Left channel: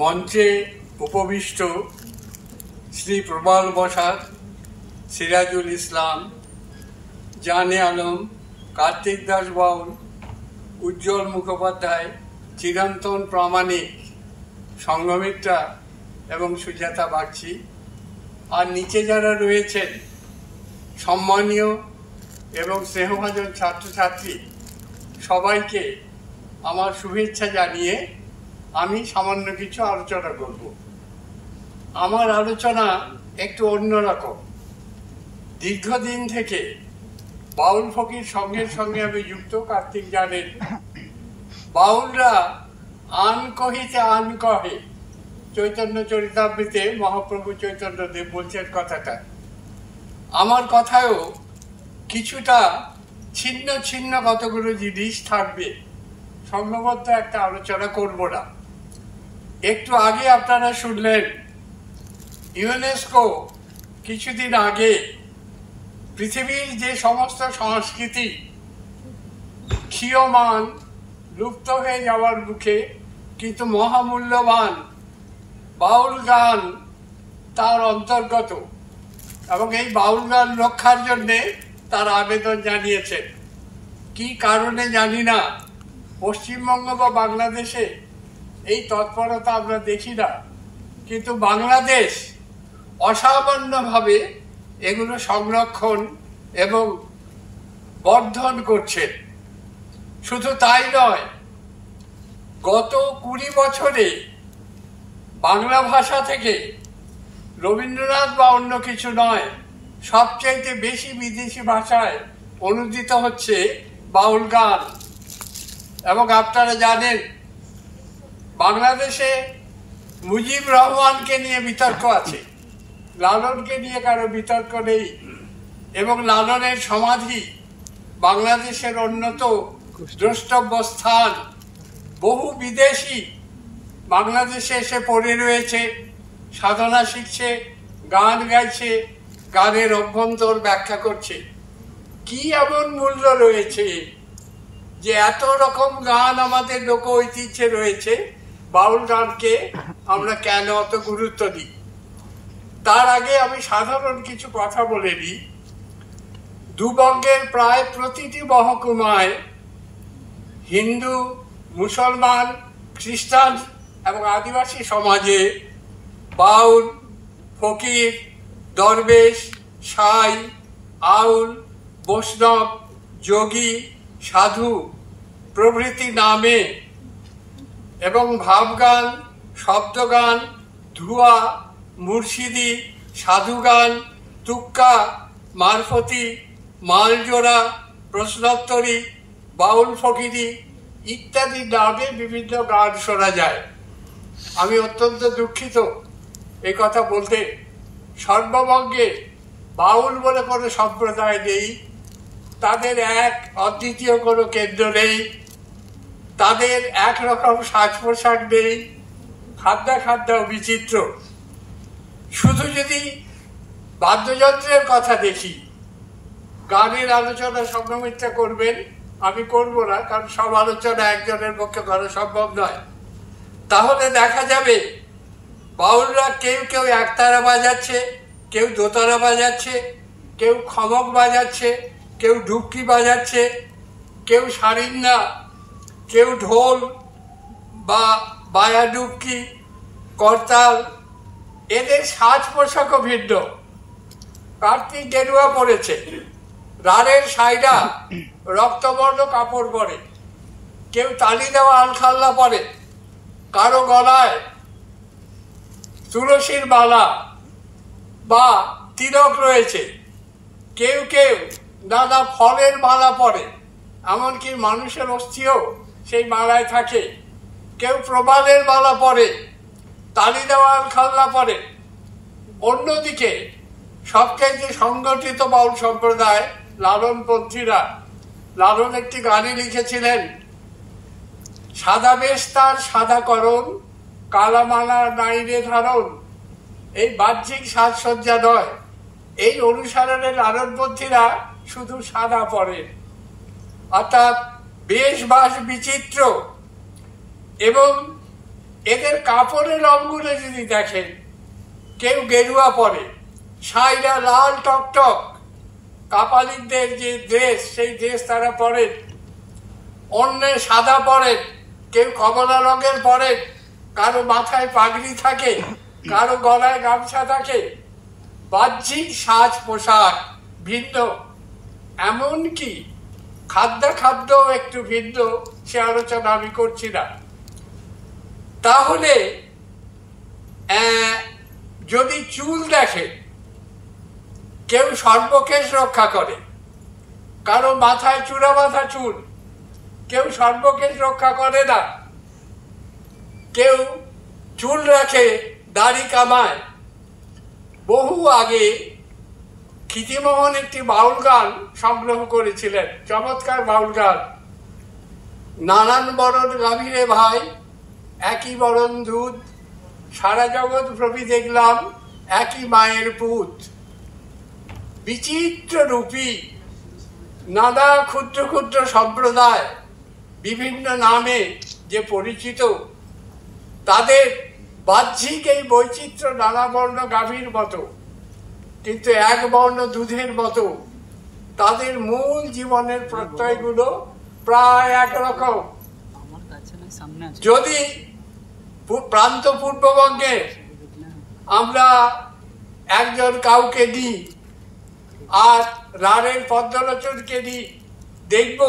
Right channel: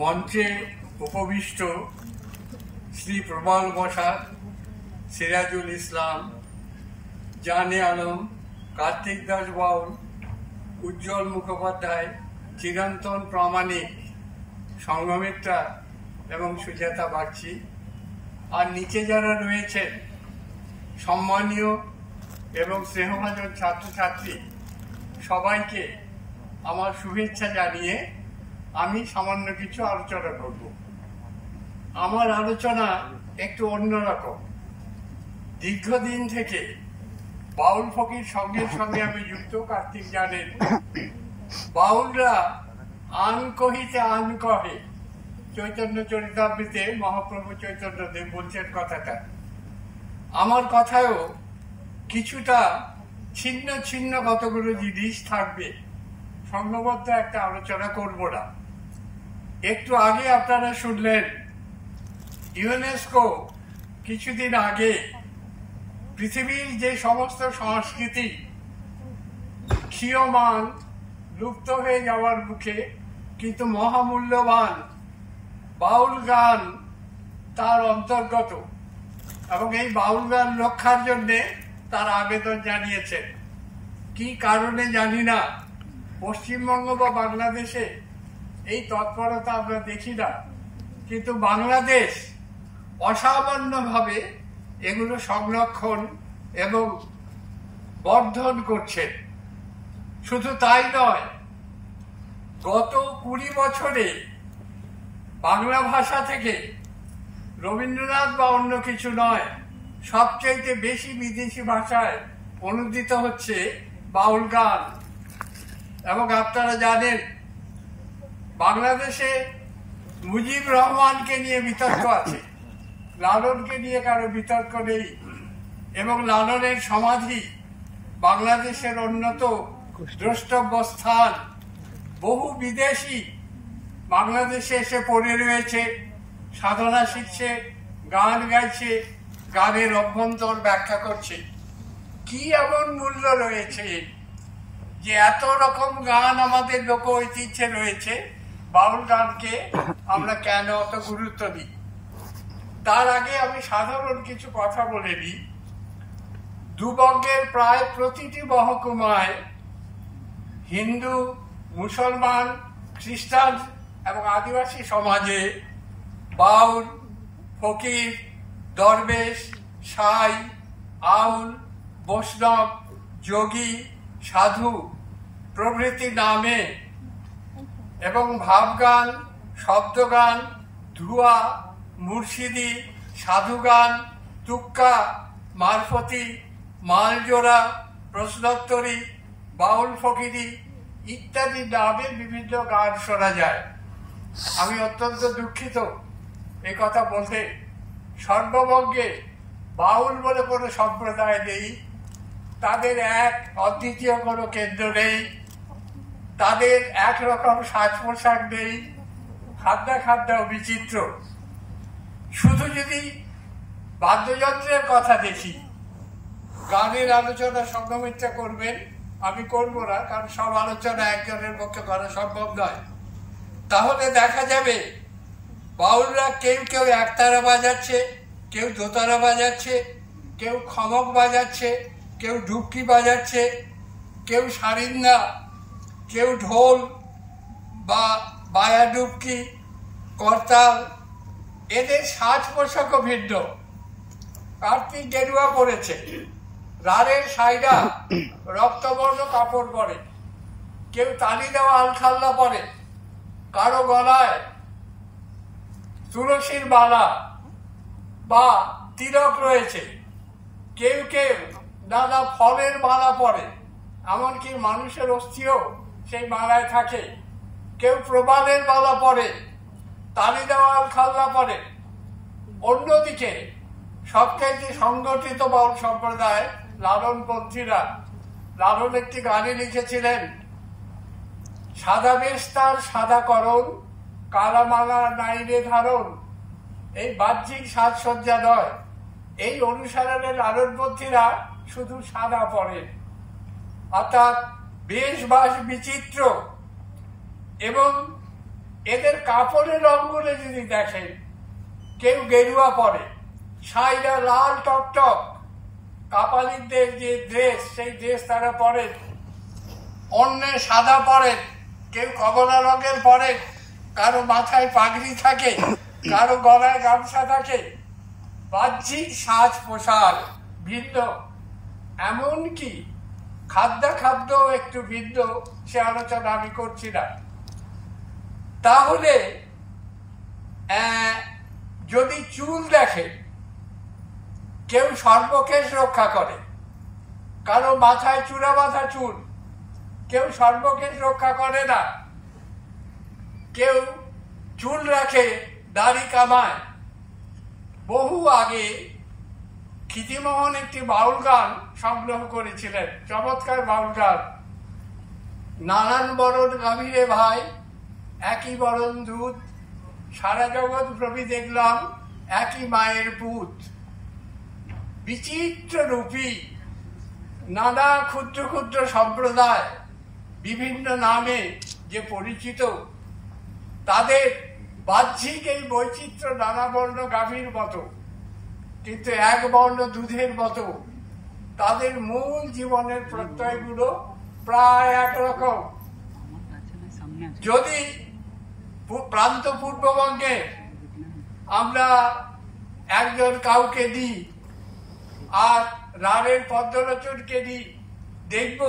মঞ্চে উপবিষ্ট শ্রী প্রবাল বসাক, সিরাজুল ইসলাম, জানে আলম, কার্তিক দাস বাউল, উজ্জ্বল মুখোপাধ্যায়, চিরন্তন প্রামাণিক, সংঘমিত্রা এবং সুজাতা বাগচি, আর নিচে যারা রয়েছেন সম্মানীয় এবং স্নেহভাজন ছাত্রছাত্রী, সবাইকে আমার শুভেচ্ছা জানিয়ে আমি সামান্য কিছু আলোচনা করব। আমার আলোচনা একটু অন্যরকম। দীর্ঘদিন থেকে বাউল ফকির সঙ্গে সঙ্গে আমি যুক্ত। কার্তিক জানেন, বাউলরা আন কহিতে আন কহে, চৈতন্য চরিতামৃতে মহাপ্রভু চৈতন্য দেব বলছেন কথাটা। আমার কথায়ও কিছুটা ছিন্ন ছিন্ন কতগুলো জিনিস থাকবে, সংঘবদ্ধ একটা আলোচনা করব না। একটু আগে আপনারা শুনলেন ইউনেস্কো কিছুদিন আগে পৃথিবীর যে সমস্ত সংস্কৃতি ক্ষীয়মান, লুপ্ত হয়ে যাওয়ার মুখে, কিন্তু মহামূল্যবান বাউল গান তার অন্তর্গত, এবং এই বাউল গান রক্ষার জন্যে তার আবেদন জানিয়েছেন। কি কারণে জানি না, পশ্চিমবঙ্গ বা বাংলাদেশে এই তৎপরতা আমরা দেখি না, কিন্তু বাংলাদেশ অসামান্যভাবে এগুলো সংরক্ষণ এবং বর্ধন করছে। শুধু তাই নয়, গত 20 বছরে বাংলা ভাষা থেকে রবীন্দ্রনাথ বা অন্য কিছু নয়, সবচেয়ে বেশি বিদেশি ভাষায় অনুদিত হচ্ছে বাউল গান। এবং আপনারা জানেন, বাংলাদেশে মুজিব রহমানকে নিয়ে বিতর্ক আছে, লালনকে নিয়ে কারো বিতর্ক নেই। এবং লালনের সমাধি বাংলাদেশের অন্যত দ্রষ্টব্য স্থান। বহু বিদেশি বাংলাদেশে এসে পড়ে রয়েছে, সাধনা শিখছে, গান গাইছে, গানের অভ্যন্তর ব্যাখ্যা করছে। কি এমন মূল্য রয়েছে যে এত রকম গান আমাদের লোক ঐতিহ্যে রয়েছে, বাউল গানকে আমরা কেন অত গুরুত্ব দিই? তার আগে আমি সাধারণ কিছু কথা বলে নিই। দুবঙ্গের প্রায় প্রতিটি মহকুমায় হিন্দু, মুসলমান, খ্রিস্টান এবং আদিবাসী সমাজে বাউল, ফকির, দরবেশ, সাই, আউল, বৈষ্ণব, যোগী, সাধু প্রভৃতি নামে এবং ভাবগান, শব্দগান, ধুয়া, মুর্শিদি, সাধুগান, তুক্কা, মারফতি, মালজোড়া, প্রশ্নোত্তরী, বাউল ফকিরি ইত্যাদি নামে বিভিন্ন গান শোনা যায়। আমি অত্যন্ত দুঃখিত এই কথা বলতে। সর্ববঙ্গে বাউল বলে কোনো সম্প্রদায় নেই, তাদের এক অদ্বিতীয় কোনো কেন্দ্র নেই, তাদের একরকম সাজ পোশাক নেই, খাদ্যাখাদ্যাও বিচিত্র। শুধু যদি বাদ্যযন্ত্রের কথা দেখি, গানের আলোচনা সংঘমিত্রা করবেন, আমি করব না, কারণ সব আলোচনা একজনের পক্ষে করা সম্ভব নয়। তাহলে দেখা যাবে বাউলরা কেউ কেউ একতারা বাজাচ্ছে, কেউ দোতারা বাজাচ্ছে, কেউ খমক বাজাচ্ছে, কেউ ঢুকি বাজাচ্ছে, কেউ সারিন্না, কেউ ঢোল বা বায়া ডুবকি, করতাল। এদের সাজ পোশাকও ভিন্ন। কার্তিক গেরুয়া পরেছে, রানের সাইডা রক্তবর্ণ কাপড় পরে, কেউ তালি দেওয়া আলখাল্লা পরে, কারো গলায় তুলসীর মালা বা তিলক রয়েছে, কেউ কেউ নানা ফলের মালা পরে, এমনকি মানুষের অস্থিও সেই মালায় থাকে। কেউ প্রবালের মালা পরে, তালি দেওয়া আলখাল্লা পরে। অন্যদিকে সবচেয়ে সংগঠিত বাউল সম্প্রদায় লালনপন্থীরা। লালন একটি গানে লিখেছিলেন, সাদা বেশ তার সাদাকরণ, কালামালা নাইরে ধারণ। এই বাহ্যিক সাজসজ্জা নয়, এই অনুসারণে লালনপন্থীরা শুধু সাদা পরেন, অর্থাৎ বেশ বাস বিচিত্র এবং এদের কাপড়ের রঙগুলো যদি দেখেন, কেউ গেরুয়া পরে, সাইরা লাল টকটক, কাপালিকদের যে ড্রেস সেই ড্রেস তারা পরেন, অন্যে সাদা পরেন, কেউ কমলা রঙের পরেন, কারো মাথায় পাগড়ি থাকে, কারো গলায় গামছা থাকে, বাহ্যিক সাজ পোশাক ভিন্ন, এমনকি খাদ্য একটু ভিন্ন, সে আলোচনা আমি করছি না। তাহলে যদি চুল দেখে, কেউ সর্বকেশ রক্ষা করে, কারো মাথায় চূড়া বাঁধা চুল, কেউ সর্বকেশ রক্ষা করে না, কেউ চুল রাখে, দাড়ি কামায়। বহু আগে ক্ষিতিমোহন একটি বাউল গান সংগ্রহ করেছিলেন, চমৎকার বাউল গান। নানান বরণ গাভীরে ভাই, একই বরণ দুধ, সারা জগৎ প্রভি দেখলাম একই মায়ের পুত। বিচিত্র রূপী নানা ক্ষুদ্র ক্ষুদ্র সম্প্রদায় বিভিন্ন নামে যে পরিচিত, তাদের বাহ্যিক এই বৈচিত্র্য নানা বর্ণ গাভীর মতো, কিন্তু এক বর্ণ দুধের মতো তাদের মূল জীবনের প্রত্যয়গুলো প্রায় একরকম। যদি প্রান্ত পূর্ববঙ্গে আমরা একজন কাউকে দিই আর রাঢ়ের পদ্মলোচনকে দিই, দেখব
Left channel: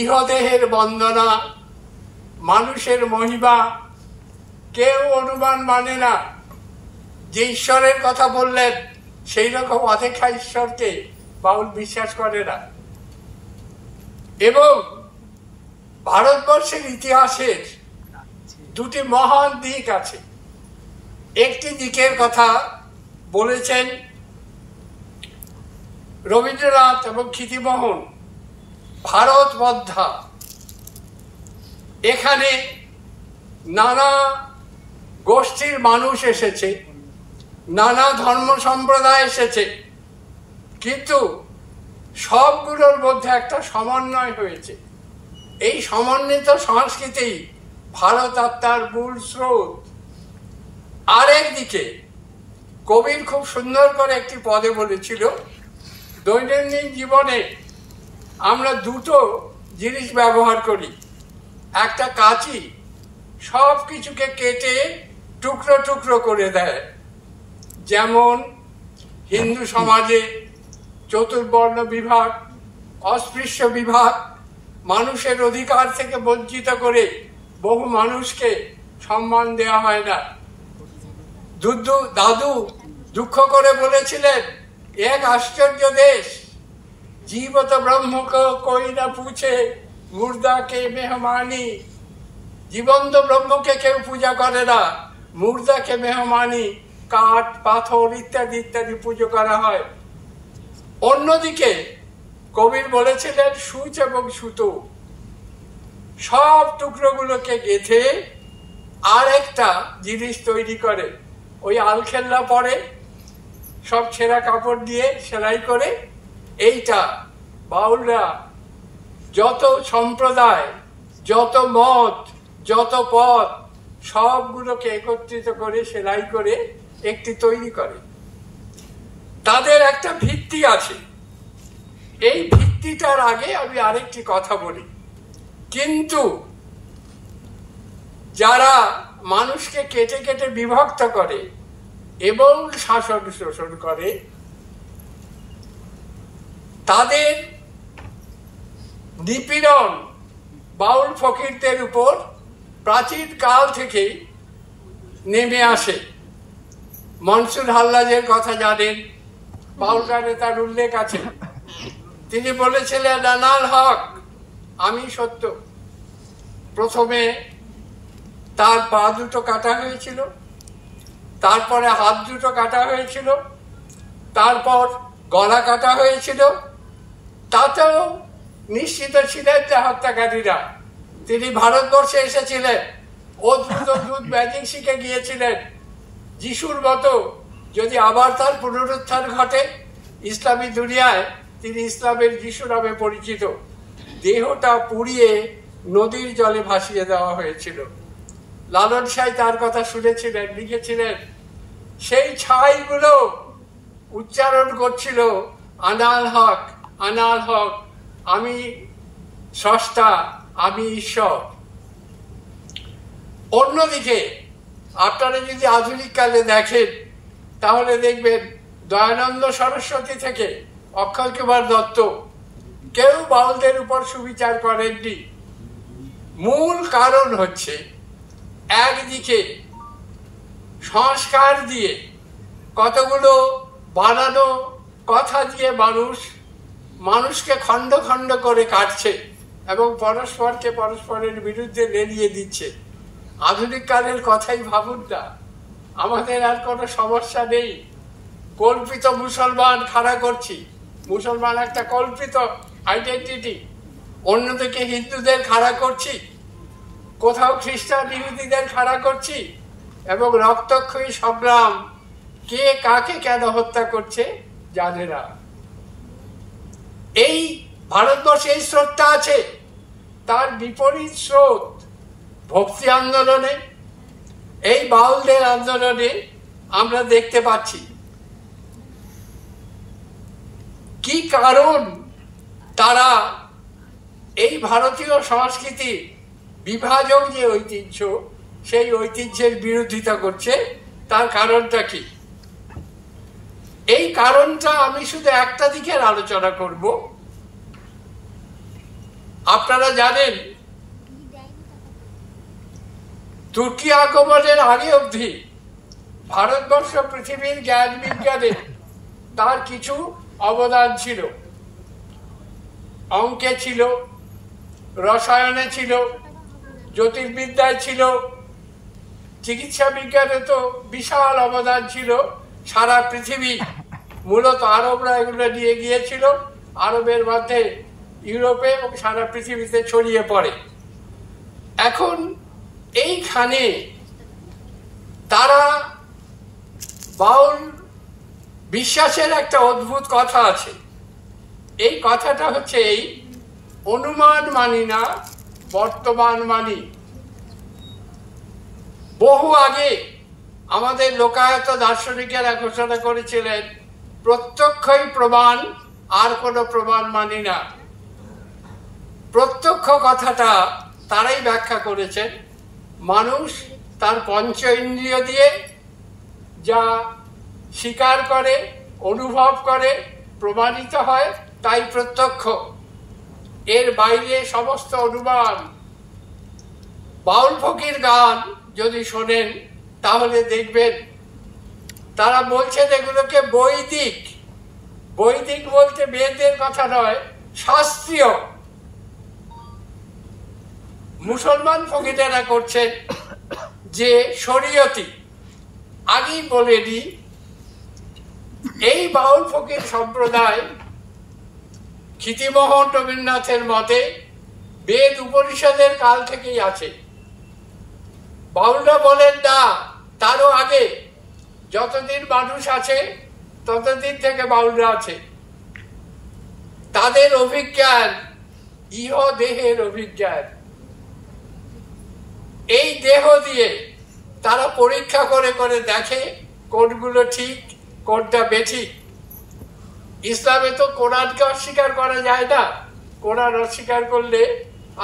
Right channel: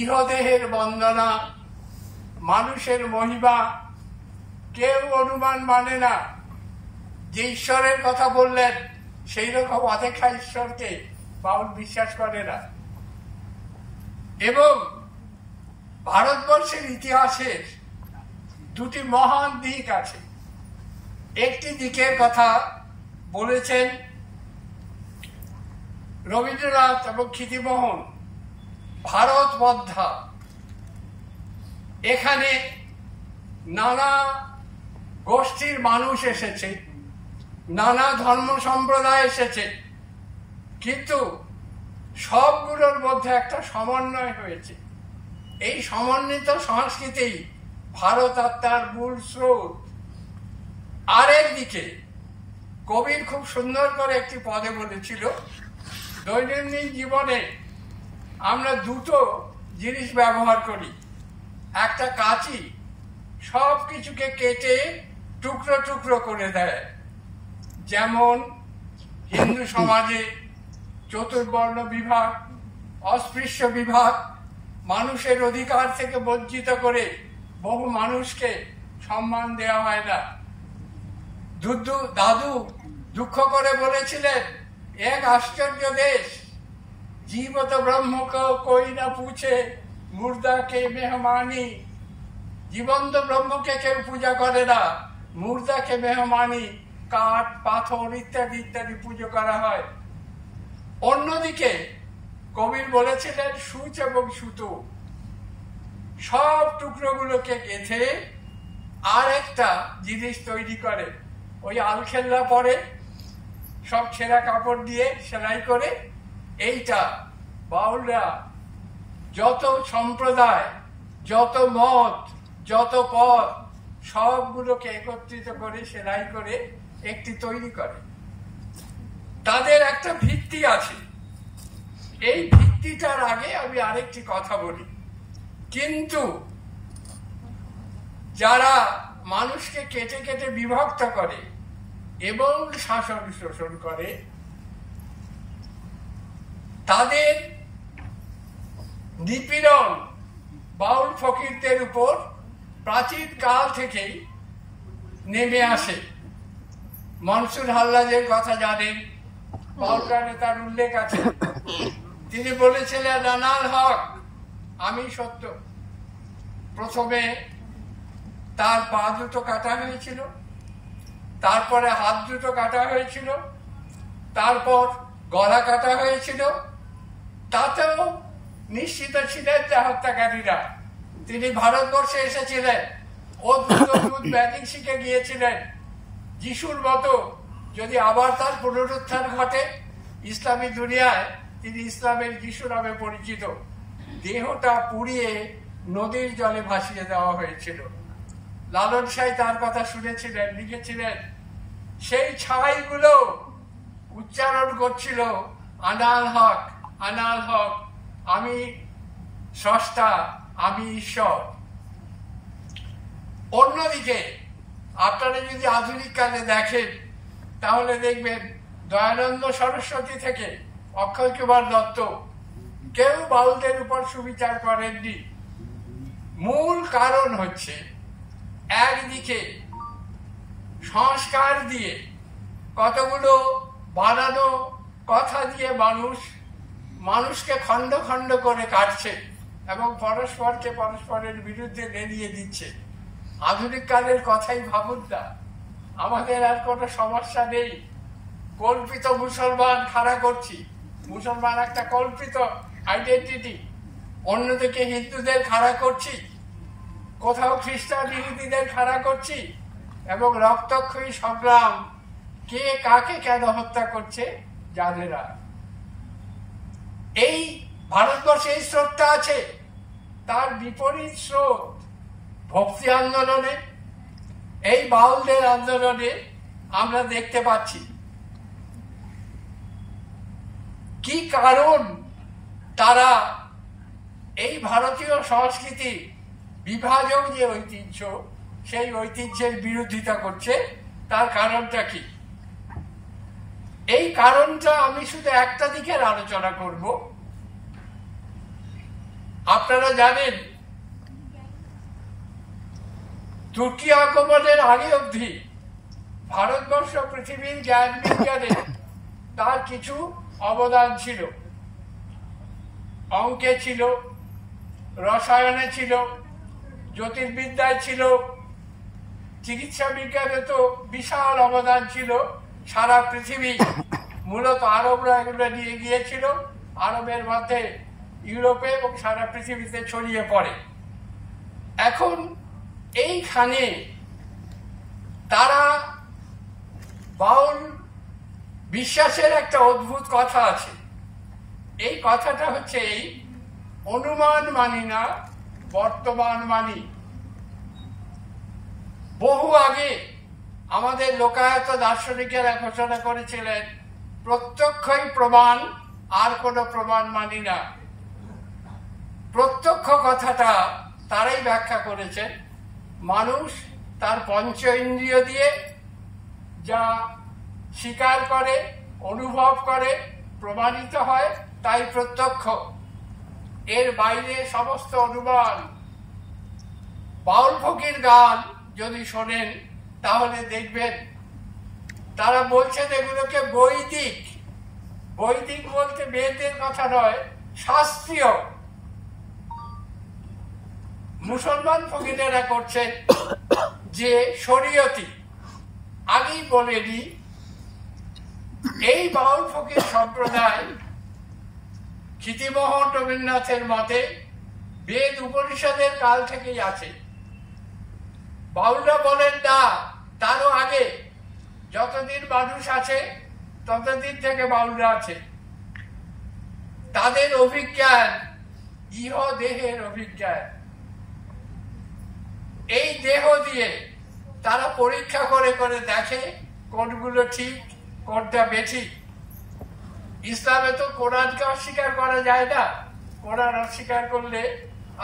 ইহদেহের বন্দনা, মানুষের মহিমা, কেউ অনুমান মানে না যে ঈশ্বরের কথা বললেন সেই রকম অদেখা ঈশ্বরকে বাউল বিশ্বাস করে না। এবং ভারতবর্ষের ইতিহাসের দুটি মহান দিক আছে। একটি দিকের কথা বলেছেন রবীন্দ্রনাথ এবং ক্ষিতিমোহন, ভারত বদ্ধা। এখানে নানা গোষ্ঠীর মানুষ এসেছে, নানা ধর্ম সম্প্রদায় এসেছে, কিন্তু সবগুলোর মধ্যে একটা সমন্বয় হয়েছে। এই সমন্বিত সংস্কৃতি ভারত আত্মার মূল স্রোত। আরেকদিকে কবির খুব সুন্দর করে একটি পদে বলেছিল, দৈনন্দিন জীবনে আমরা দুটো জিনিস ব্যবহার করি। একটা কাঁচি সব কিছুকে কেটে টুকরো টুকরো করে দেয়, যেমন হিন্দু সমাজে চতুর্বর্ণ বিভাগ, অস্পৃশ্য বিভাগ, মানুষের অধিকার থেকে বঞ্চিত করে বহু মানুষকে সম্মান দেওয়া হয় না। দাদু দুঃখ করে বলেছিলেন, এক আশ্চর্য দেশ, জীবত ব্রহ্মকে কই না পুছে, মুর্দাকে মেহমানি। জীবন্ত ব্রহ্মকে কেউ পূজা করে না, মুর্দাকে মেহমানি, কাঠ পাথর ইত্যাদি ইত্যাদি পুজো করা হয়। অন্যদিকে কবির বলেছিলেন, সূচ এবং সুতো, সব টুকরোগুলোকে গেঁথে আর একটা জিনিস তৈরি করে। ওই আলখেল্লা পরে সব ছেঁড়া কাপড় দিয়ে সেলাই করে, এইটা বাউলরা যত সম্প্রদায়, যত মত, যত পথ, সবগুলোকে একত্রিত করে সেলাই করে একটি তৈরি করে। তাদের একটা ভিত্তি আছে। এই ভিত্তিটার আগে আমি আরেকটি কথা বলি, কিন্তু যারা মানুষকে কেটে কেটে বিভক্ত করে এবং শাসন শোষণ করে, তাদের নিপীড়ন বাউল ফকিরদের উপর প্রাচীন কাল থেকেই নেমে আসে। মনসুর হাল্লাজের কথা জানেন, বাউল গানে তার উল্লেখ আছে। তিনি বলেছিলেন, আনাল হক, আমি সত্য। প্রথমে তার পা দুটো কাটা হয়েছিল, তারপরে হাত দুটো কাটা হয়েছিল, তারপর গলা কাটা হয়েছিল। তাতেও নিশ্চিত ছিলেন যে হত্যাকারীরা। তিনি ভারতবর্ষে এসেছিলেন, অদ্ভুত ম্যাজিক শিখে গিয়েছিলেন। যিশুর মতো যদি আবার তার পুনরুত্থান ঘটে ইসলামী দুনিয়ায়, তিনি ইসলামের যিশু নামে পরিচিত। দেহটা পুড়িয়ে নদীর জলে ভাসিয়ে দেওয়া হয়েছিল। লালন সাঁই তার কথা শুনেছিলেন, লিখেছিলেন, সেই ছাইগুলো উচ্চারণ করছিল আনাল হক, আনাল হক, আমি স্রষ্টা, আমি ঈশ্বর। অন্যদিকে আপনারা যদি আধুনিক কালে দেখেন তাহলে দেখবেন দয়ানন্দ সরস্বতী থেকে অক্ষয় কুমার দত্ত কেউ বাউলদের উপর সুবিচার করেননি। মূল কারণ হচ্ছে একদিকে সংস্কার দিয়ে কতগুলো বানানো কথা দিয়ে মানুষকে খণ্ড খণ্ড করে কাটছে এবং পরস্পরকে পরস্পরের বিরুদ্ধে লেলিয়ে দিচ্ছে। আধুনিক কালের কথাই ভাবুন না, আমাদের আর কোনো সমস্যা নেই। কল্পিত মুসলমান খাড়া করছি, মুসলমান একটা কল্পিত আইডেন্টিটি, অন্যদিকে হিন্দুদের খাড়া করছি, কোথাও খ্রিস্টান ইহুদিদের খাড়া করছি, এবং রক্তক্ষয়ী সংগ্রাম কে কাকে কেন হত্যা করছে জানে না। এই ভারতবর্ষে এই স্রোতটা আছে, তার বিপরীত স্রোত ভক্তি আন্দোলনে, এই বাউলদের আন্দোলনে আমরা দেখতে পাচ্ছি। কি কারণ তারা এই ভারতীয় সংস্কৃতি বিভাজক যে ঐতিহ্য, সেই ঐতিহ্যের বিরোধিতা করছে, তার কারণটা কি? এই কারণটা আমি শুধু একটা দিকের আলোচনা করব। আপনারা জানেন তুর্কি আগমনের আগে অবধি ভারতবর্ষ পৃথিবীর জ্ঞান বিজ্ঞানে তার কিছু অবদান ছিল। অঙ্কে ছিল, রসায়নে ছিল, জ্যোতির্বিদ্যায় ছিল, চিকিৎসা বিজ্ঞানে তো বিশাল অবদান ছিল। সারা পৃথিবী, মূলত আরবরা এগুলো নিয়ে গিয়েছিল, আরবের মধ্যে ইউরোপে এবং সারা পৃথিবীতে ছড়িয়ে পড়ে। এখন এইখানে তারা বাউল বিশ্বাসের একটা অদ্ভুত কথা আছে। এই কথাটা হচ্ছে এই, অনুমান মানি না, বর্তমান মানি। বহু আগে আমাদের লোকায়ত দার্শনিকেরা ঘোষণা করেছিলেন, প্রত্যক্ষই প্রমাণ, আর কোনো প্রমাণ মানি না। প্রত্যক্ষ কথাটা তারাই ব্যাখ্যা করেছেন, মানুষ তার পঞ্চ ইন্দ্রিয় দিয়ে যা স্বীকার করে, অনুভব করে, প্রমাণিত হয়, তাই প্রত্যক্ষ। এর বাইরে সমস্ত অনুমান। বাউল ফকির গান যদি শোনেন তাহলে দেখবেন তারা বলছেন এগুলোকে বৈদিক। বৈদিক বলতে বেদের কথা নয়, শাস্ত্রীয়। মুসলমান ফকিরেরা করছেন যে শরীয়তি। আগেই বলে নি, এই বাউল ফকির সম্প্রদায় ক্ষিতিমোহন রবীন্দ্রনাথের মতে বেদ উপনিষদের কাল থেকেই আছে। বাউলরা বলেন না, তারও আগে, যতদিন মানুষ আছে ততদিন থেকে বাউলরা আছে। তাদের অভিজ্ঞান ইহ দেহের অভিজ্ঞান। এই দেহ দিয়ে তারা পরীক্ষা করে করে দেখে কোনগুলো ঠিক, কোনটা বেঠিক। ইসলামে তো কোরআনকে অস্বীকার করা যায় না, কোরআন অস্বীকার করলে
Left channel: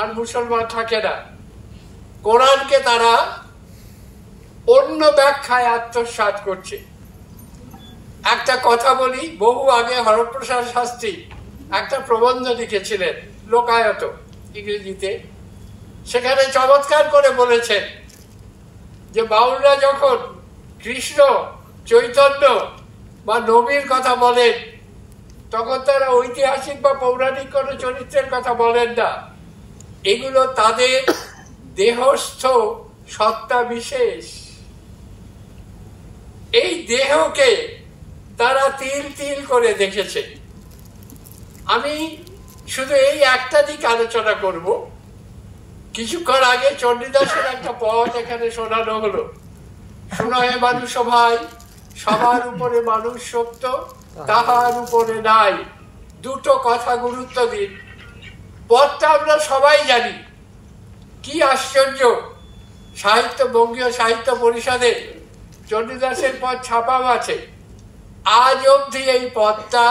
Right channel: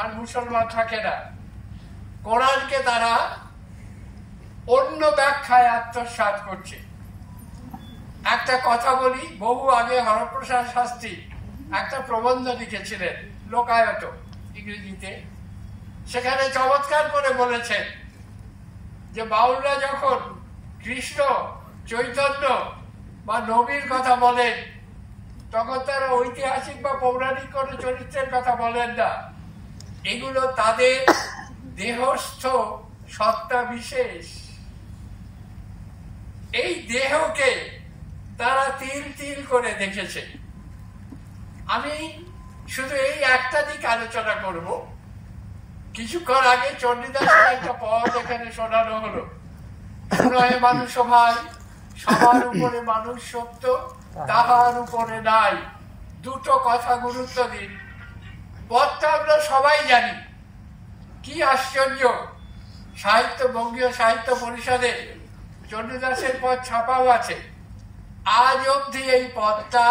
আর মুসলমান থাকে না। কোরআনকে তারা অন্য ব্যাখ্যায় আত্মসাৎ করছে। একটা কথা বলি, বহু আগে হরপ্রসাদ শাস্ত্রী একটা প্রবন্ধ লিখেছিলেন লোকায়ত ইংরেজিতে। সেখানে চমৎকার করে বলেছেন যে বাউলরা যখন কৃষ্ণ, চৈতন্য বা নবীর কথা বলেন তখন তারা ঐতিহাসিক বা পৌরাণিক কোনো চরিত্রের কথা বলেন না। এগুলো তাদের দেহস্থ সত্তা বিশেষ। এই দেহকে তারা তিল তিল করে দেখেছে। আমি শুধু এই একটা দিক আলোচনা করব। কিছুক্ষণ আগে চণ্ডীদাসের একটা পদ এখানে শোনানো হলো, শুনয়ে মানুষ ভাই, সবার উপরে মানুষ সত্য, তাহার উপরে নাই। দুটো কথা গুরুত্ব দিন। পদটা আমরা সবাই জানি। কি আশ্চর্য, বঙ্গীয় সাহিত্য পরিষদে চণ্ডীদাসের পদ ছাপাও আছে। আজ অবধি এই পদটা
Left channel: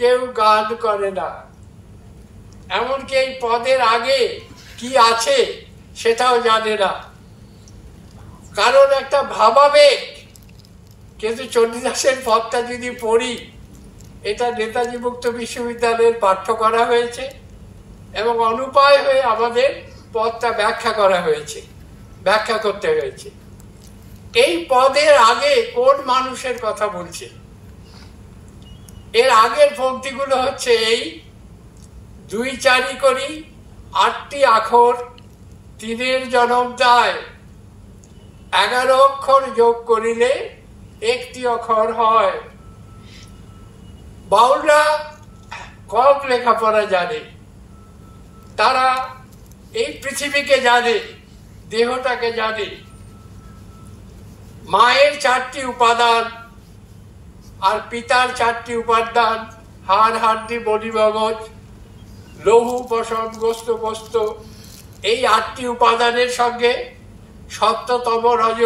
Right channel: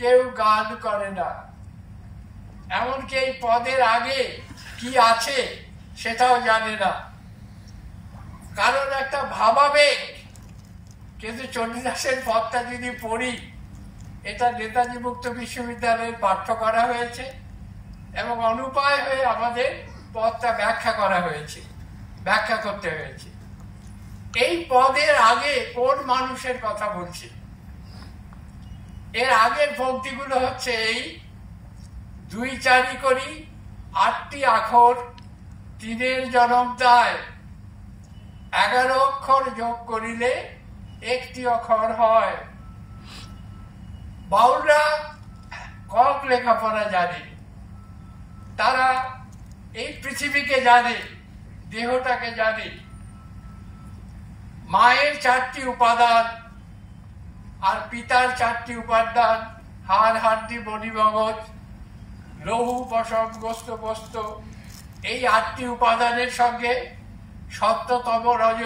কেউ গান করে না, এমনকি এই পদের আগে কি আছে সেটাও জানে না, কারণ একটা ভাবাবেগ। কিন্তু চণ্ডীদাসের পদটা যদি পড়ি, এটা নেতাজি মুক্ত বিশ্ববিদ্যালয়ের পাঠ্য করা হয়েছে এবং অনুপায় হয়ে আমাদের পদটা ব্যাখ্যা করতে হয়েছে। এই পদের আগে কোন মানুষের কথা বলছে? এর আগের পংক্তিগুলো হচ্ছে এই: 2 4 করি 8টি আখর, 3 জনম দায়, 11 অক্ষর যোগ করিলে 1টি অক্ষর হয়। বাউলরা কম লেখাপড়া জানে, তারা এই পৃথিবীকে জানে, দেহটাকে জানে। মায়ের 4টি উপাদান আর পিতার 4টি উপাদান: হাড়, হাড্ডি, বডি, মগজ, লৌহ, পশম, গোস্ত, পোস্ত। এই 8টি উপাদানের সঙ্গে সত্য, তম, রজ,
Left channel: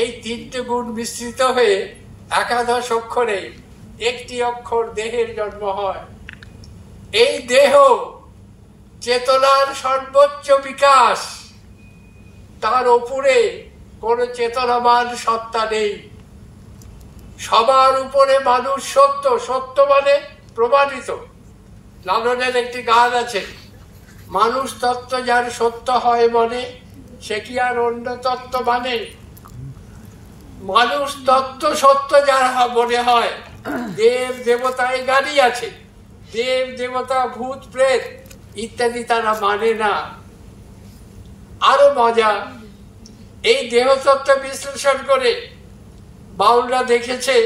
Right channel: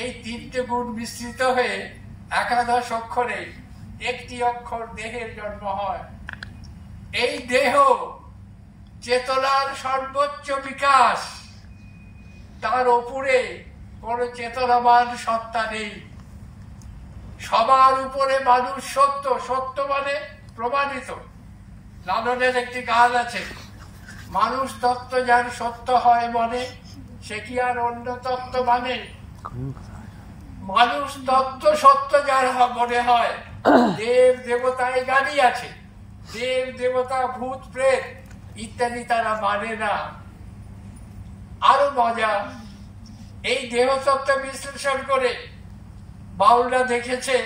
এই 3টে গুণ মিশ্রিত হয়ে 11 অক্ষরে 1টি অক্ষর দেহের জন্ম হয়। এই দেহ চেতনার সর্বোচ্চ বিকাশ, তার উপরে কোন চেতনাবান সত্তা নেই। সবার উপরে মানুষ সত্য, সত্য মানে প্রমাণিত। লালনের একটি গান আছে: মানুষ তত্ত্ব যার সত্য হয় মনে, সে কি আর অন্য তত্ত্ব মানে? মানুষ তত্ত্ব সত্য যার মনে হয়, দেব দেবতায় গাড়ি আছে, দেব দেবতা, ভূত প্রেত ইত্যাদি তারা মানে না। আরো মজা, এই দেহতত্ত্ব বিশ্লেষণ করে বাউলরা দেখেছে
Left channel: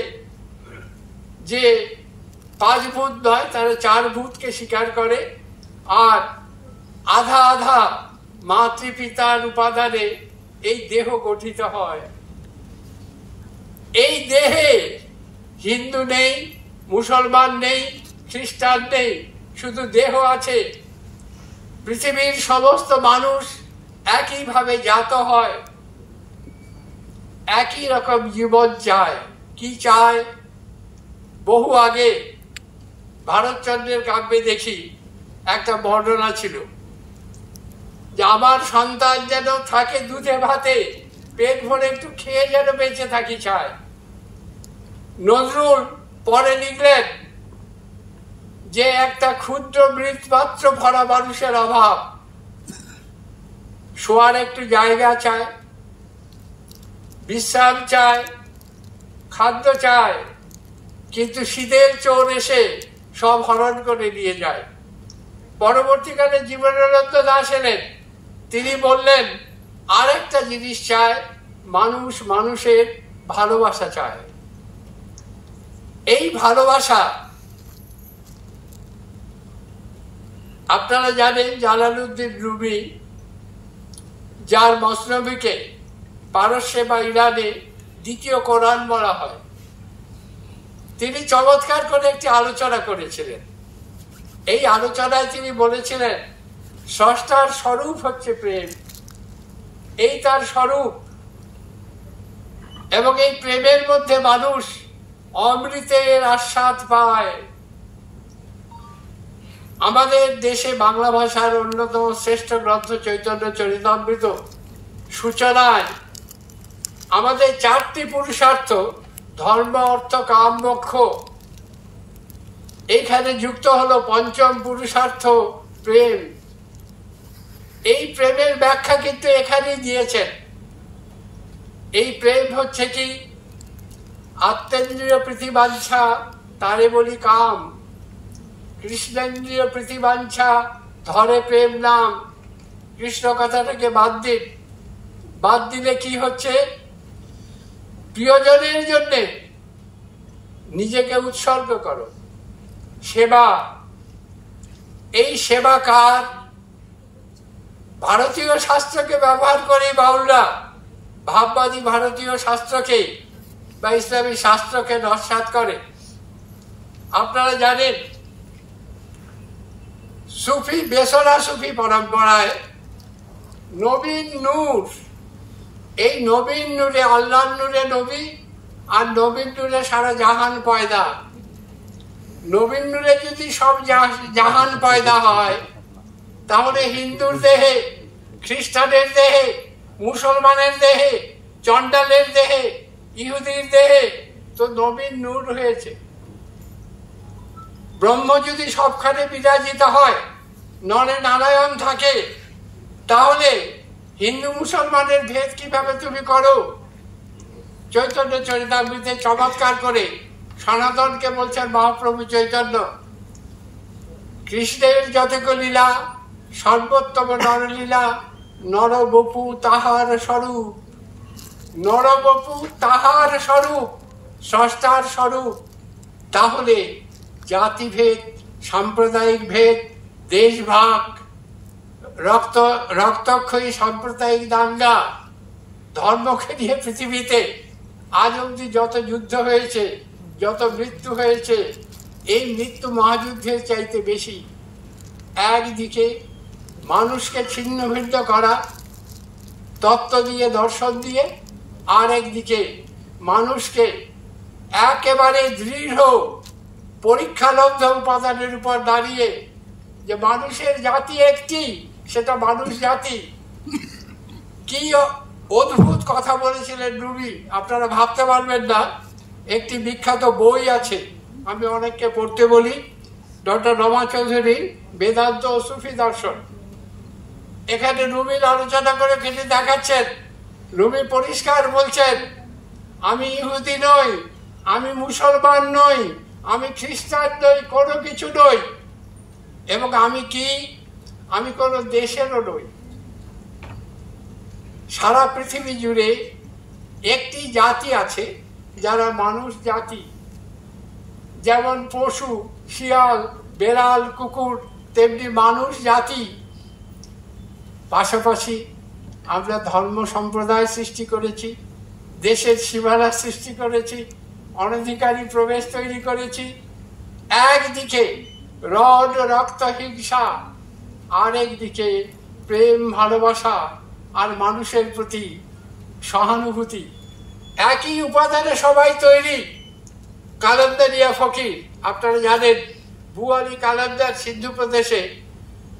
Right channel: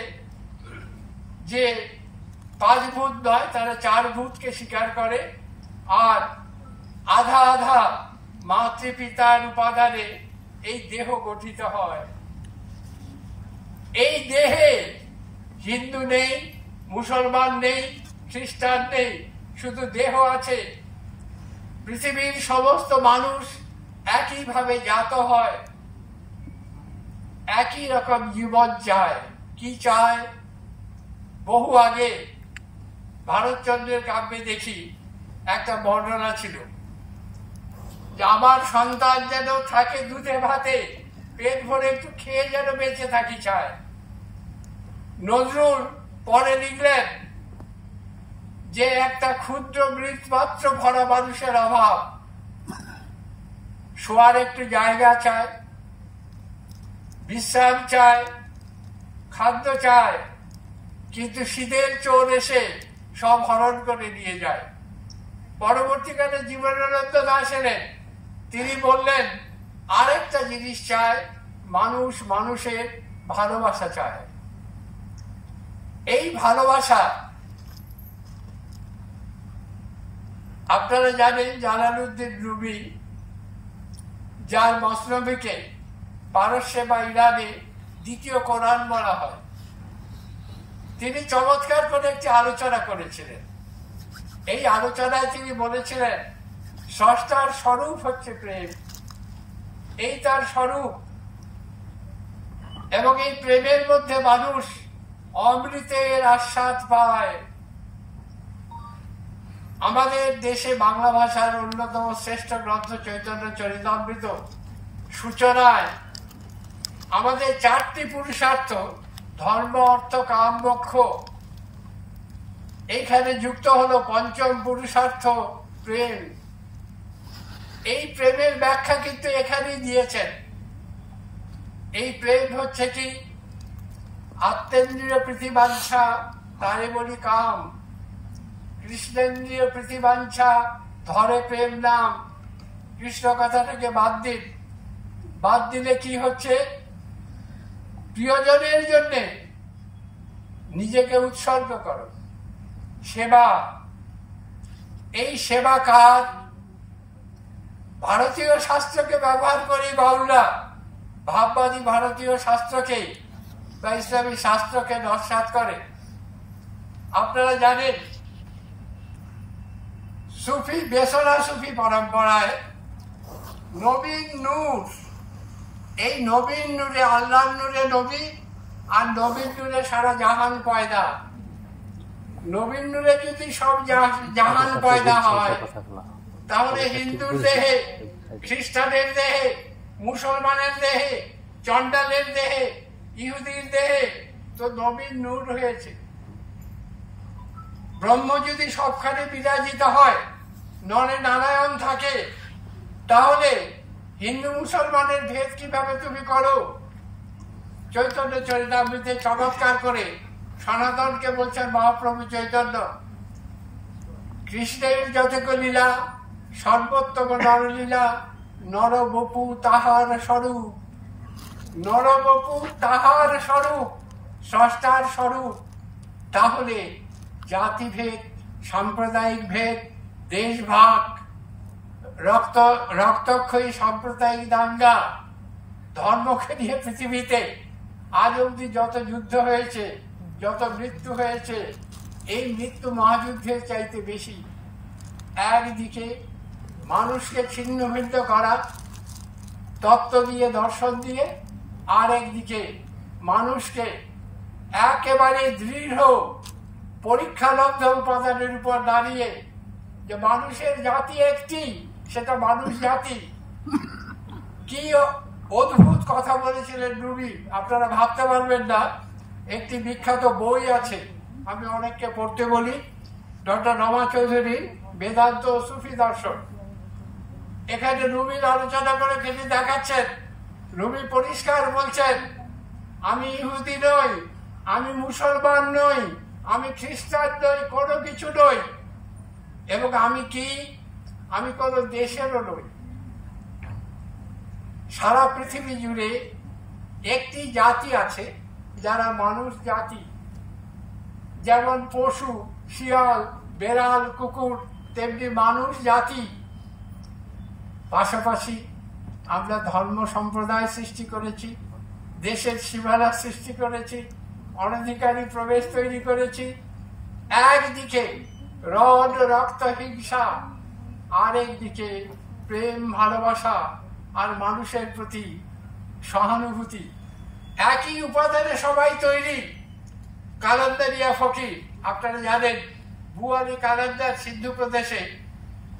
যে 5 ভূত নয়, তারা 4 ভূতকে স্বীকার করে, আর আধা আধা মাতৃপিতার উপাদানে এই দেহ গঠিত হয়। এই দেহে হিন্দু নেই, মুসলমান নেই, খ্রিস্টান নেই, শুধু দেহ আছে। পৃথিবীর সমস্ত মানুষ একইভাবে জাত হয়, একই রকম জীবন চায়। কি চায়? বহু আগে ভারতচন্দ্রের কাব্যে দেখি একটা বর্ণনা ছিল যে আমার সন্তান যেন থাকে দুধে ভাতে, পেট ভরে একটু খেয়ে যেন বেঁচে থাকি চায়। নজরুল পরে লিখলেন যে একটা ক্ষুদ্র মৃৎপাত্র ভরা মানুষের অভাব, শোয়ার একটু জায়গা চায়, বিশ্রাম চায়, খাদ্য চায়, কিন্তু শীতের চোর এসে সব হরণ করে নিয়ে যায়। পরবর্তীকালে জীবনানন্দ দাশ এলেন, তিনি বললেন আর একটা জিনিস চায়, মানুষ মানুষের ভালোবাসা চায়। এই ভালোবাসা আপনারা জানেন, জালালউদ্দিন রুমি, যার মসনবীকে পারস্যে বা ইরানে দ্বিতীয় কোরআন বলা হয়, তিনি চমৎকার করে একটি আলোচনা করেছিলেন। এই আলোচনায় তিনি বলেছিলেন স্রষ্টার স্বরূপ হচ্ছে প্রেম, এই তার স্বরূপ, এবং এই প্রেমের মধ্যে মানুষ অমৃতের আস্বাদ পায়। আমাদের দেশে বাংলা ভাষার অন্যতম শ্রেষ্ঠ গ্রন্থ চৈতন্য চরিতামৃত সূচনায় আমাদের 4টি পুরুষার্থ, ধর্ম, অর্থ, কাম, মোক্ষ, এইখানে যুক্ত হলো 5ম পুরুষার্থ প্রেম। এই প্রেমের ব্যাখ্যা কিন্তু এখানেই দিয়েছেন। এই প্রেম হচ্ছে কি? আত্মেন্দ্রিয় প্রীতিবাঞ্ছা, তারে বলি কাম। কৃষ্ণেন্দ্রিয় প্রীতিবাঞ্ছা, ধরে প্রেম নাম। কৃষ্ণ কথাটাকে বাদ দিন, বাদ দিলে কি হচ্ছে? প্রিয়জনের জন্য নিজেকে উৎসর্গ করো, সেবা। এই সেবা কার? ভারতীয় শাস্ত্রকে ব্যবহার করে বাউলরা ভাববাদী ভারতীয় শাস্ত্রকে বা ইসলামী শাস্ত্রকে নস্যাৎ করে। আপনারা জানেন সুফি, বেসরা সুফি পরম্পরায় নবীন নূর এই নবীন নূরে, আল্লাহর নূরে নবী, আর নবীন নূরে সারা জাহান পয়দা। নবীন নূরে যদি সব জাহান পয়দা হয়, তাহলে হিন্দুর দেহে, খ্রিস্টানের দেহে, মুসলমানের দেহে, চন্ডালের দেহে, ইহুদির দেহে তো নবীন নূর হয়েছে। ব্রহ্ম যদি সবখানে বিরাজিত হয়, নরে নারায়ণ থাকে, তাহলে হিন্দু মুসলমানের ভেদ কিভাবে তুমি করো? চৈতন্য চরিতামৃতে চমৎকার করে সনাতনকে বলছেন মহাপ্রভু চৈতন্য, কৃষ্ণের যতক লীলা সর্বোত্তম নরলীলা, নরবপু তাহার স্বরূপ। নরবপু তাহার স্বরূপ, স্রষ্টার স্বরূপ। তাহলে জাতিভেদ, সাম্প্রদায়িক ভেদ, দেশভাগ, রক্তক্ষয়ী সাম্প্রদায়িক দাঙ্গা, ধর্মকে নিয়ে পৃথিবীতে আজ অবধি যত যুদ্ধ হয়েছে, যত মৃত্যু হয়েছে, এই মৃত্যু মহাযুদ্ধের চাইতে বেশি। একদিকে মানুষকে ছিন্ন ভিন্ন করা তত্ত্ব দিয়ে, দর্শন দিয়ে, আর একদিকে মানুষকে একেবারে দৃঢ় পরীক্ষালব্ধ উপাদানের উপর দাঁড়িয়ে যে মানুষের জাতি একটি, সেটা মানুষ জাতি। কি অদ্ভুত কথা বলেছিলেন রুমি, আপনারা ভাবতে পারবেন না। একটি বিখ্যাত বই আছে, আমি অনেককে পড়তে বলি, ডক্টর রমা চৌধুরী বেদান্ত ও সুফি দর্শন। এখানে রুমির আলোচনা করে তিনি দেখাচ্ছেন, রুমি পরিষ্কার বলছেন, আমি ইহুদি নই, আমি মুসলমান নই, আমি খ্রিস্টান নই, কোনো কিছু নই। এবং আমি কি? আমি কোনো দেশেরও নই। সারা পৃথিবী জুড়ে একটি জাতি আছে যারা মানুষ জাতি। যেমন পশু, শিয়াল, বেড়াল, কুকুর, তেমনি মানুষ জাতি। পাশাপাশি আমরা ধর্ম সম্প্রদায় সৃষ্টি করেছি, দেশের সীমানা সৃষ্টি করেছি, অনধিকারী প্রবেশ তৈরি করেছি। একদিকে রড রক্ত হিংসা, আরেকদিকে প্রেম ভালোবাসা আর মানুষের প্রতি সহানুভূতি। একই উপাদানে সবাই তৈরি। কালান্দারিয়া ফকির, আপনারা জানেন, বুয়ালি কালান্দার সিন্ধু প্রদেশে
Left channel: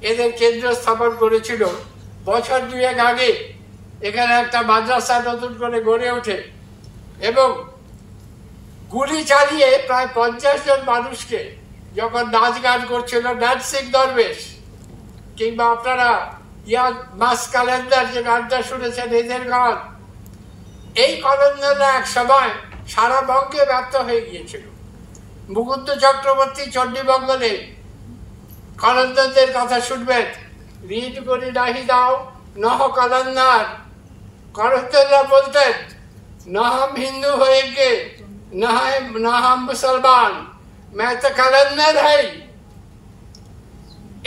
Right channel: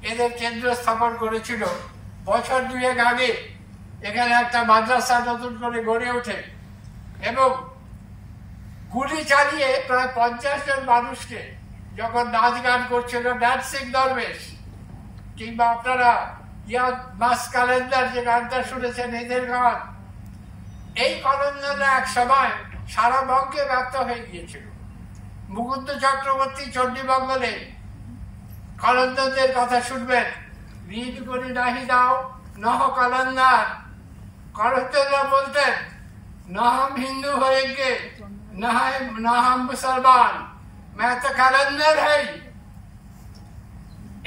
এদের কেন্দ্র স্থাপন করেছিল। বছর দুয়েক আগে এখানে একটা মাদ্রাসা নতুন করে গড়ে ওঠে এবং গুলি চালিয়ে প্রায় 50 জন মানুষকে যখন নাচ গান করছিল, ড্যান্সিং দরবেশ, কিংবা আপনারা ইয়াদ মাস কালেন্দার যে গানটা শুনেছেন, এদের গান, এই কলন্দরা এক সময় সারা বঙ্গে ব্যপ্ত হয়ে গিয়েছিল। মুকুন্দ চক্রবর্তী চণ্ডীমঙ্গলে কলন্দরদের কথা শুনবেন, ঋণ করি নাহি দাও নহ কলন্দার। কলন্দররা বলতেন, না হাম হিন্দু হয়েঙ্গে, না হাম মুসলমান, मैं तो कलंदर है।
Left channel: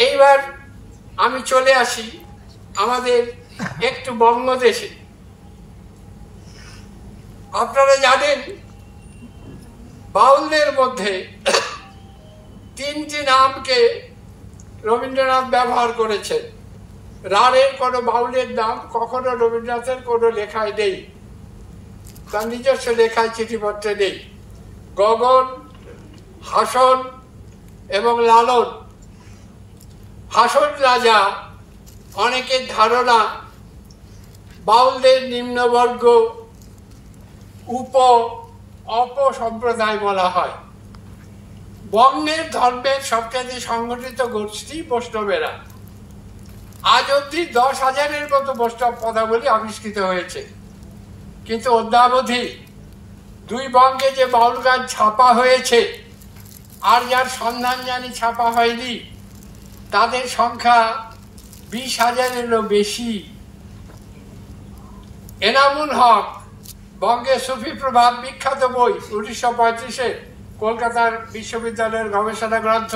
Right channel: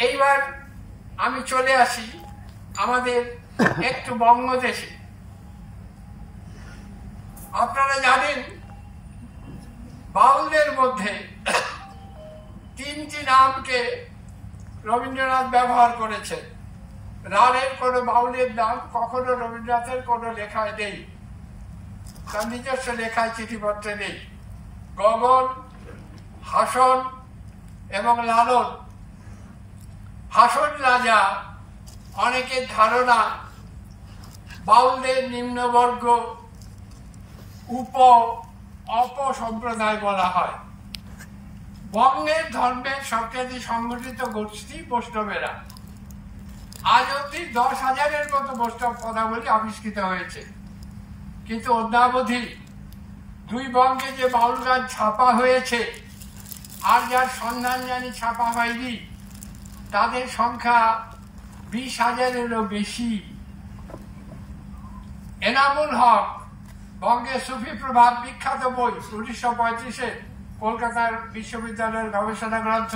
এইবার আমি চলে আসি আমাদের একটু বঙ্গদেশে। আপনারা জানেন, বাউলদের মধ্যে 3টি নামকে রবীন্দ্রনাথ ব্যবহার করেছেন। রাঢ়ের কোনো বাউলের নাম কখনো রবীন্দ্রনাথের কোনো লেখায় নেই, তার নিজস্ব লেখায় চিঠিপত্রে নেই। গগন, হাসন এবং লালন। হাসন রাজা, অনেকের ধারণা বাউলদের নিম্নবর্গ, অপ সম্প্রদায় বলা হয়। বঙ্গের ধর্মের সবচেয়ে সংগঠিত গোষ্ঠী বৈষ্ণবেরা। আজ অব্দি 10,000-এর মতো বৈষ্ণব পদাবলী আবিষ্কৃত হয়েছে, কিন্তু অদ্যাবধি 2 বঙ্গে যে বাউল গান ছাপা হয়েছে আর যার সন্ধান জানি ছাপা হয়নি, তাদের সংখ্যা 20,000-এরও বেশি। এনামুল হক বঙ্গে সুফি প্রভাব বিখ্যাত বই, 1935-এ কলকাতার বিশ্ববিদ্যালয়ের গবেষণা গ্রন্থ।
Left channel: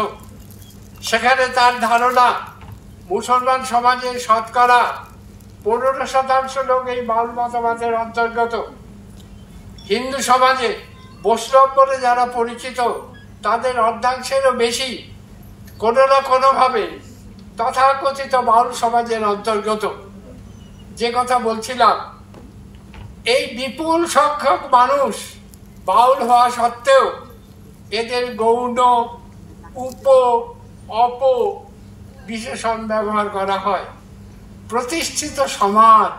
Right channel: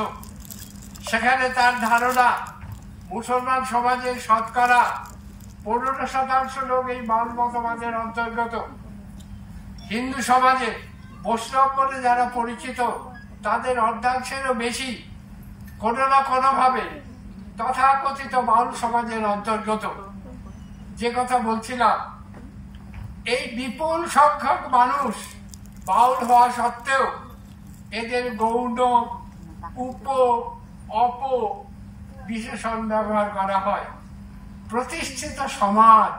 সেখানে তার ধারণা, মুসলমান সমাজে শতকরা 15% লোক এই বাউল মতবাদের অন্তর্গত। হিন্দু সমাজে বৈষ্ণব বলে যারা পরিচিত, তাদের অর্ধাংশেরও বেশি কোনো না কোনোভাবে তথাকথিত বাউল সমাজের অন্তর্গত। যে কথা বলছিলাম, এই বিপুল সংখ্যক মানুষ বাউল হওয়া সত্ত্বেও এদের গৌণ উপ অপ বিশেষণ ব্যবহার করা হয়। প্রতিষ্ঠিত সমাজ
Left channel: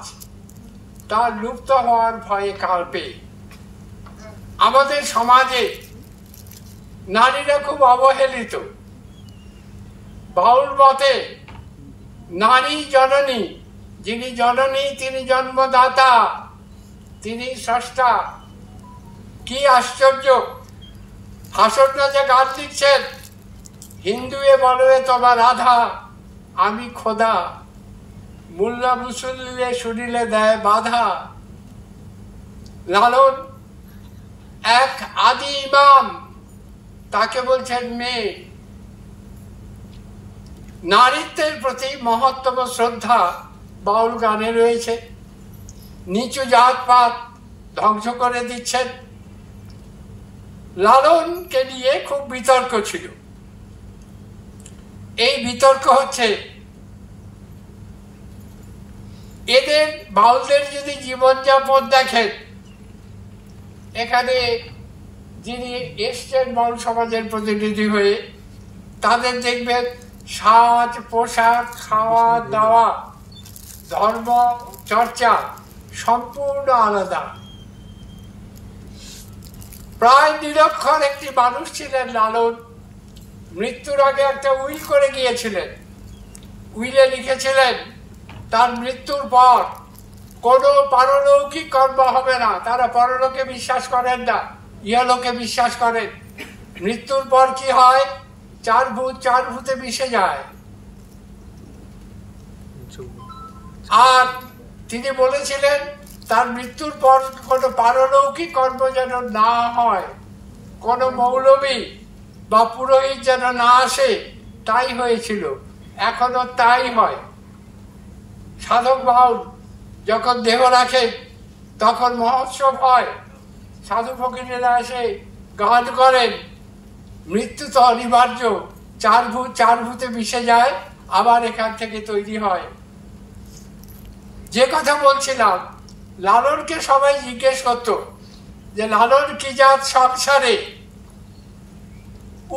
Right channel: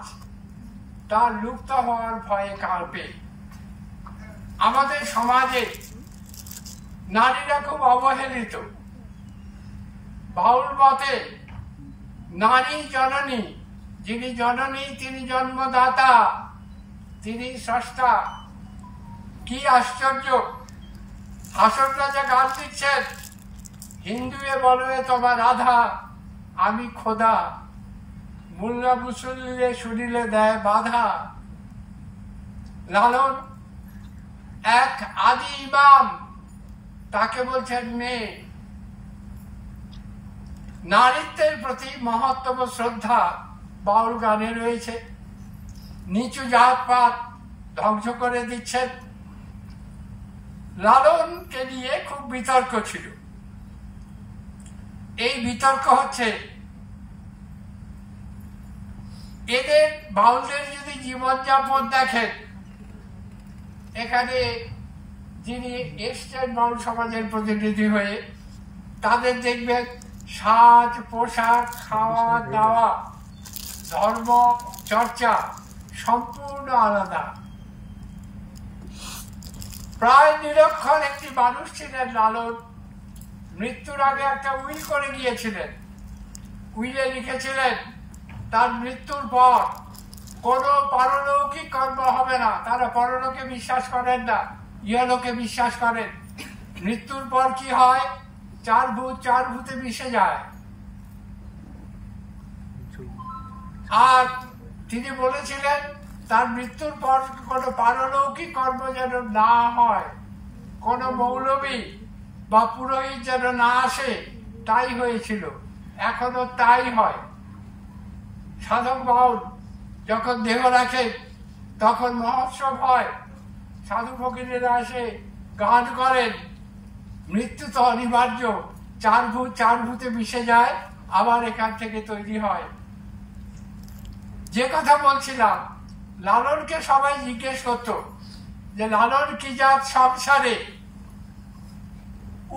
তার লুপ্ত হওয়ার ভয়ে কাঁপে। আমাদের সমাজে নারীরা খুব অবহেলিত। বাউল মতে নারী জননী, যিনি জননী তিনি জন্মদাতা, তিনি স্রষ্টা। কি আশ্চর্য! হাসন রাজা গান লিখছেন, হিন্দুয়ে বলয়ে তোমার রাধা, আমি খোদা, মোল্লা মুসল্লিরে শুনিলে দেয় বাধা। লালন এক আদি ইমাম, তাকে বলছেন মেয়ে। নারীত্বের প্রতি মহত্তম শ্রদ্ধা বাউল গানে রয়েছে। নিচু জাতপাত ধ্বংস করে দিচ্ছেন। লালনকে নিয়ে খুব বিতর্ক ছিল। এই বিতর্ক হচ্ছে, এদের বাউলদের যদি জীবনযাপন দেখেন, এখানে যিনি এসছেন বাউল সমাজের প্রতিনিধি হয়ে, তাদের দেখবেন সাজ পোশাক, খাওয়া দাওয়া, ধর্ম চর্চা সম্পূর্ণ আলাদা। প্রায় নিরক্ষর একটি মানুষ ছিলেন লালন। মৃত্যুর আগে একটা উইল করে গিয়েছিলেন। উইলে লিখেছিলেন তার মৃত্যুর পর কোনো পারলৌকিক কর্ম হবে না। তারা পরলোকে বিশ্বাস করেন না, ইহলোকে বিশ্বাস করেন। মৃত্যুর পর কি হয়? চার ভূতে মিশে যায়। আর তিনি বলেছিলেন তার মৃত্যুর পর কোনো পারলৌকিক কর্ম যেন না হয়, কোনো মৌলবী বা পুরোহিত যেন না আসে। তাই হয়েছিল, এখনো তাই হয়। সাধক বাউল যখন দেহ রাখে তখন মহোৎসব হয়, সাধু ফকিরেরা আসে, গান করেন। মৃত্যু তো অনিবার্য, চার ভূতে মিশে যায়, আবার এখান থেকে তৈরি হয়। যে কথা বলছিলাম, লালনকে সবাই জিজ্ঞেস করত যে লালন কি জাত সংসারে?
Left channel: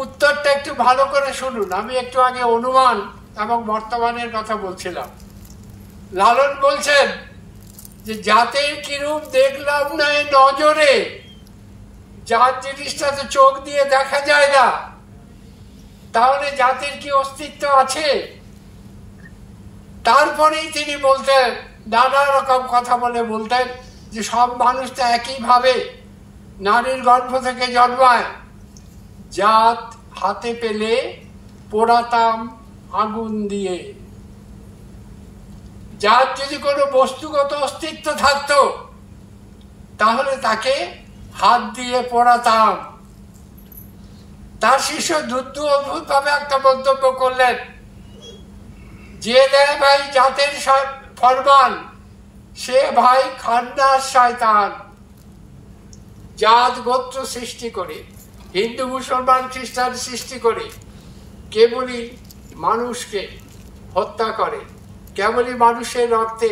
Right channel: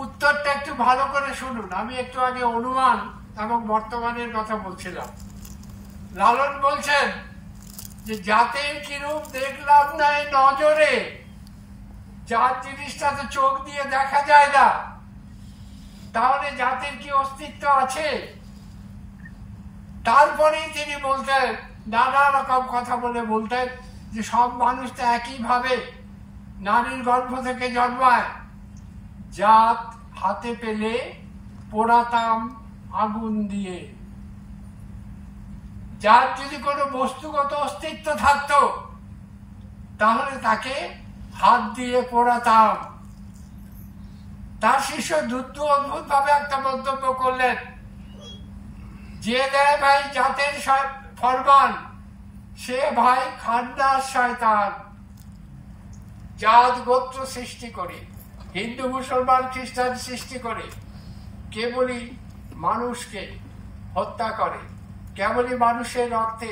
উত্তরটা একটু ভালো করে শুনুন। আমি একটু আগে অনুমান এবং বর্তমানের কথা বলছিলাম। লালন বলছেন যে জাতের কিরূপ দেখলাম না এই নজরে। জাত জিনিসটা তো চোখ দিয়ে দেখা যায় না, তাহলে জাতির কি অস্তিত্ব আছে? তারপরেই তিনি বলতেন, নানা রকম কথা বলতেন যে সব মানুষ তো একইভাবে নারীর গর্ভ থেকে জন্মায়। জাত হাতে পেলে পোড়াতাম আগুন দিয়ে। যার যদি কোনো বস্তুগত অস্তিত্ব থাকতো তাহলে তাকে হাত দিয়ে পোড়াতাম। তার শিষ্য অদ্ভুত ভাবে একটা মন্তব্য করলেন, যে দেয় ভাই জাতের ফরমান, সে ভাই খান্ডার শয়তান। জাত গোত্র সৃষ্টি করে, হিন্দু মুসলমান খ্রিস্টান সৃষ্টি করে, কেবলই মানুষকে হত্যা করে, কেবলই মানুষের রক্তে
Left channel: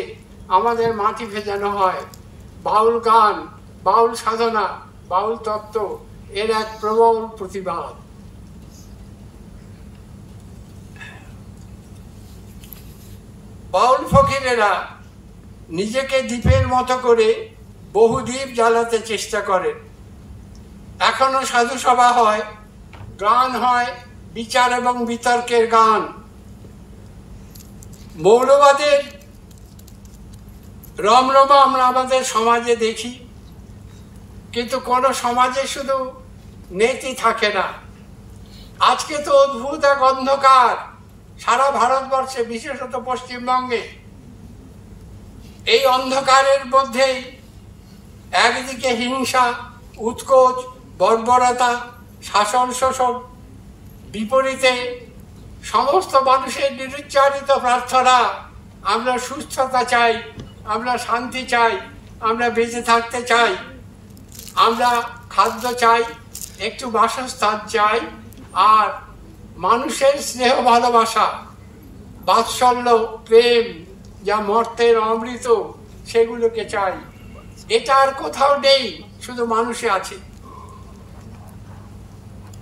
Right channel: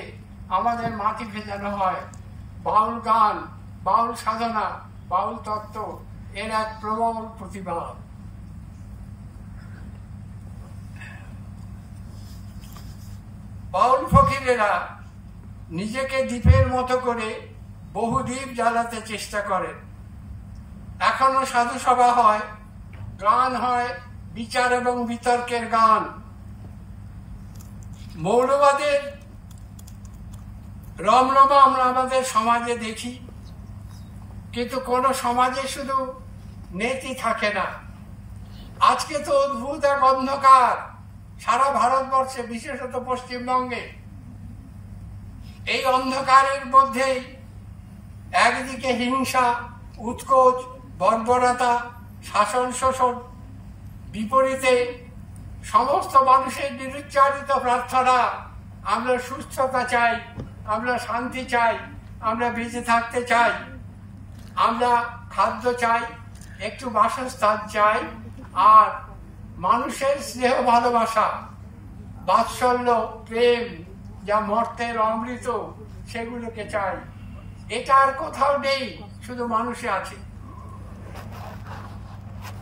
আমাদের মাটি ভেজানো হয়। বাউল গান, বাউল সাধনা, বাউল তত্ত্ব এর এক প্রবল প্রতিবাদ। বাউল ফকিরেরা নিজেকে দ্বীপের মতো করে বহু দ্বীপ জ্বালাতে চেষ্টা করেন। এখনো সাধু সভা হয়, গান হয়, বিচার এবং বিতর্কের গান। মৌলবাদের রমরমা আমরা আমাদের সমাজে দেখি, কিন্তু কোন সমাজে শুধু নেতি থাকে না। আজকে তো অদ্ভুত এক অন্ধকার সারা ভারতবর্ষে, বিশেষত পশ্চিমবঙ্গে। এই অন্ধকারের মধ্যেই একদিকে হিংসা, উৎকোচ, বর্বরতা, শাসন শোষণ, বিপরীতে সমস্ত মানুষের নিরুচ্চারিত প্রার্থনা, আমরা সুস্থতা চাই, আমরা শান্তি চাই, আমরা বেঁচে থাকতে চাই, আমরা খাদ্য চাই, একটু বাসস্থান চাই, আর মানুষের স্নেহ ভালোবাসা, বাৎসল্য, প্রেম, যা মর্তের অমৃত, সেগুলোকে চাই। এটা আর কোথাও নেই, শুধু মানুষে আছে।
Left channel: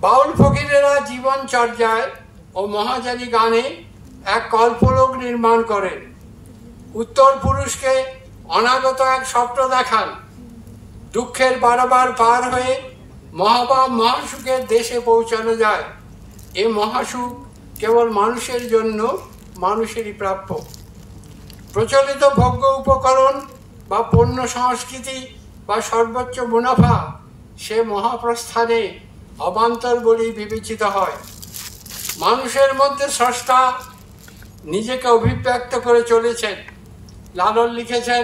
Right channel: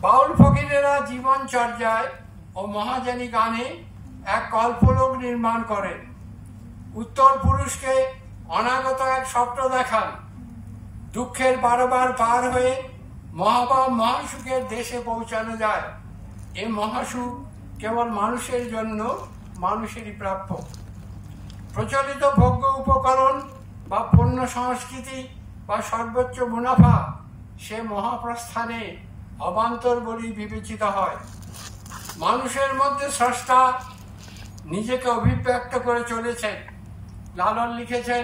বাউল ফকিরেরা জীবনচর্যায় ও মহাজানী গানে এক কল্পলোক নির্মাণ করেন। উত্তর পুরুষকে অনাগত এক স্বপ্ন দেখান। দুঃখের বারবার পার হয়ে মহাভাব মহাসুখের দেশে পৌঁছানো যায়। এ মহাসুখ কেবল মানুষের জন্য, মানুষেরই প্রাপ্য। প্রচলিত ভোগ্য উপকরণ বা পণ্য সংস্কৃতি বা সর্বোচ্চ মুনাফা সে মহাপ্রস্থানে অবান্তর বলেই বিবেচিত হয়। মানুষের মধ্যে স্রষ্টা নিজেকে অভিব্যক্ত করে চলেছেন। লালন লিখেছেন,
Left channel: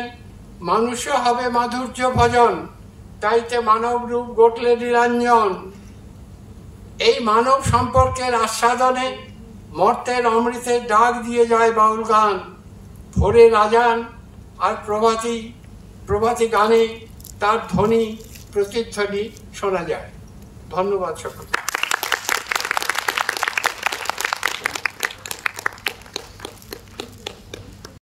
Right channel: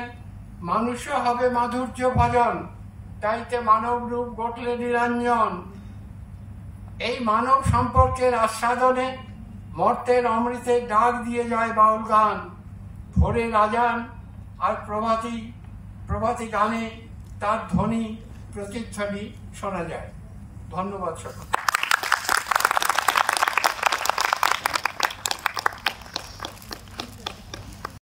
মানুষ্য হবে মাধুর্য ভজন, তাইতে মানব রূপ গটলে নিরঞ্জন। এই মানব সম্পর্কের আস্বাদনে মর্তের অমৃতের ডাক দিয়ে যায় বাউল গান। ভোরের আজান আর প্রভাতী গানে তার ধ্বনি প্রতিধ্বনি শোনা যায়। ধন্যবাদ সকলকে।